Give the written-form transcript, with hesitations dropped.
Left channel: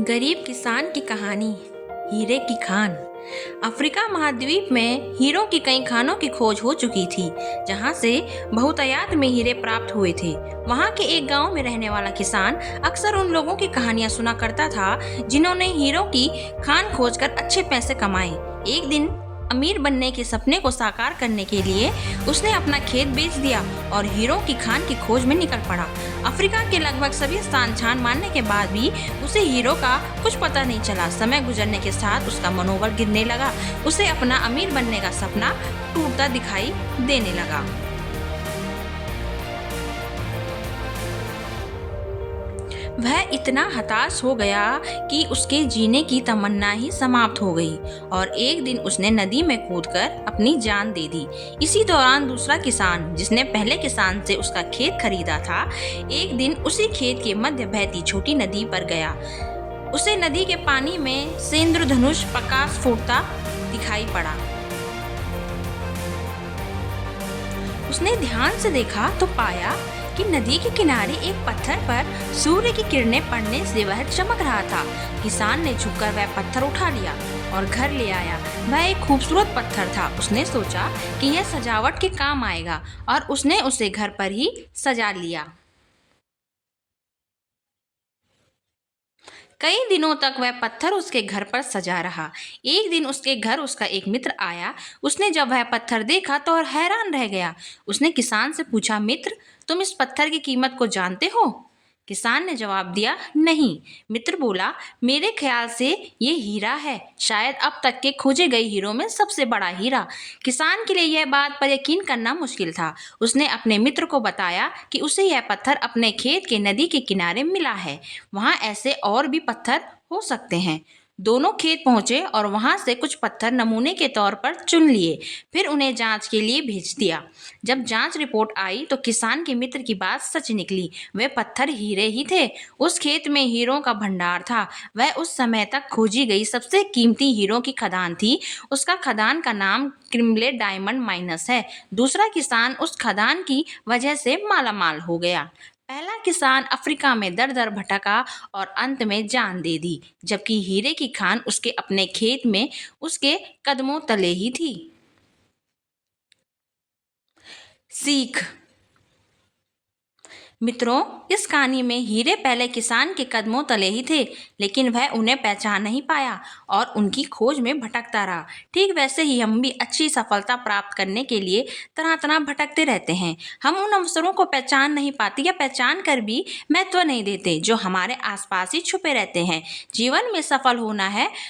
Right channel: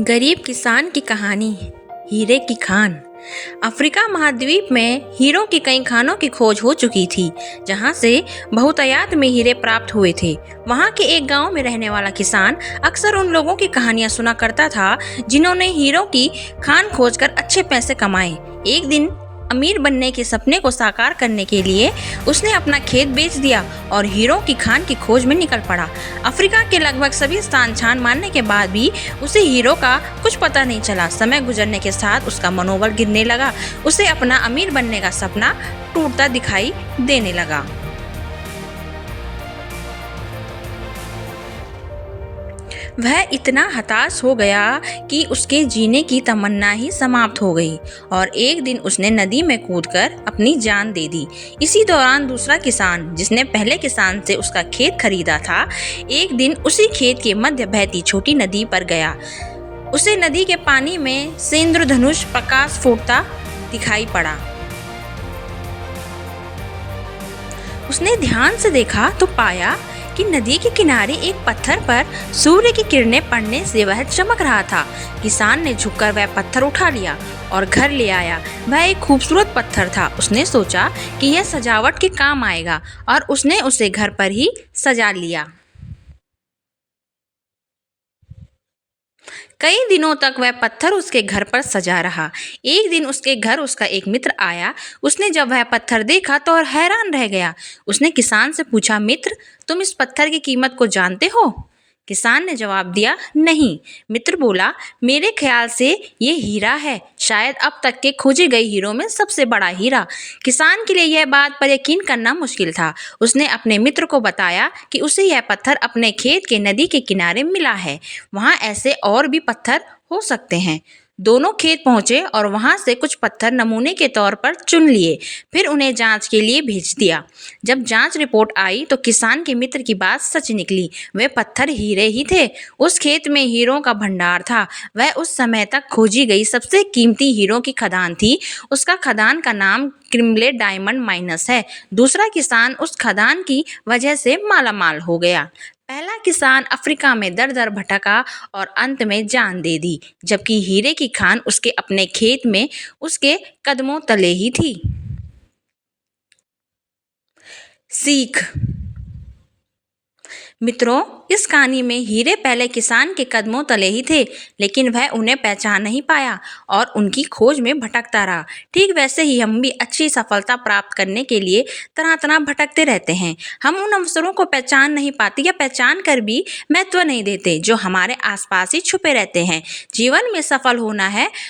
गरीब किसान की कहानी। हीरे की खान। अफ्रीका महाद्वीप में हीरों की कई खानों की खोज हो चुकी थी, जहां से बहुतायत में हीरे प्राप्त हुए थे। वहां के एक गांव में रहने वाला किसान अक्सर उन लोगों की कहानियां सुना करता था जिन्होंने हीरों की खान खोजकर अच्छे पैसे कमाए। एक दिन अमीर बनने के सपने को साकार करने के लिए उसने अपना खेत बेच दिया और हीरों की खान की खोज में निकल पड़ा। अफ्रीका के लगभग सभी स्थान छान मारने के बाद भी उसे हीरो का कुछ पता नहीं चला। समय गुजरने के साथ उसका मनोबल गिरने लगा। उसे अपना अमीर बनने का सपना टूटता दिखाई देने लगा। वह इतना हताश हो गया कि उसके जीने की तमन्ना ही समाप्त हो गई और एक दिन उसने नदी में कूदकर अपनी जान दे दी। इसी दौरान दूसरा किसान, जिसने पहले किसान से उसका खेत खरीदा था, एक दिन उसी खेत के मध्य बहती छोटी नदी पर गया। उसे नदी के पानी में से इंद्रधनुष प्रकाश फूटता दिखाई पड़ा। उसने ध्यान से देखा तो पाया कि नदी के किनारे एक पत्थर पर सूर्य की किरणें पड़ने से वह चमक रहा था। किसान ने झुककर वह पत्थर उठा लिया और घर ले आया। वह एक खूबसूरत पत्थर था। उसने सोचा कि यह सजावट के काम आएगा और उसने उसे घर पर ही सजा लिया। कई दिनों तक वह पत्थर उसके घर पर सजा रहा। एक दिन उसके घर उसका एक मित्र आया। उसने जब वह पत्थर देखा तो और हैरान रह गया। उसने किसान से पूछा, मित्र, तुम इस पत्थर की कीमत को जानते हो? किसान ने जवाब दिया, नहीं। मित्र बोला, मेरे ख्याल से ये हीरा है, शायद अब तक के खोजे गए हीरों में सबसे बड़ा हीरा। किसान के लिए यह बात पर यकीन करना मुश्किल था। उसने अपने मित्र को बताया कि उसे यह पत्थर अपने खेत के नदी के किनारे मिला है। वहाँ ऐसे और भी पत्थर हो सकते हैं। दोनों खेत पहुंचे और वहां से कुछ पत्थर नमूने के तौर पर चुन लिए, फिर उन्हें जांच के लिए भेज दिया। जब जांच रिपोर्ट आई तो किसान के मित्र की बात सच निकली। वे पत्थर हीरे ही थे। उस खेत में हीरों का भंडार था। वह उस समय तक खोजी गई सबसे कीमती हीरों की खदान थी। उसका खदान का नाम क्रिम्ले डायमंड माइनस है। दूसरा किसान उस खदान की वजह से मालामाल हो गया। पहला किसान अफ्रीका में दर दर भटका और अंत में जान दे दी, जबकि हीरे की खान उसके अपने खेत में उसके कदमों तले ही थी। सीख। मित्रों, इस कहानी में हीरे पहले किसान के कदमों तले ही थे, लेकिन वह उन्हें पहचान नहीं पाया और उनकी खोज में भटकता रहा। ठीक वैसे ही हम भी अच्छी सफलता प्राप्त करने के लिए तरह तरह भटकते रहते हैं। हम उन अवसरों को पहचान नहीं पाते या पहचान कर भी महत्व नहीं देते जो हमारे आसपास ही छुपे रहते हैं। जीवन में सफल होना है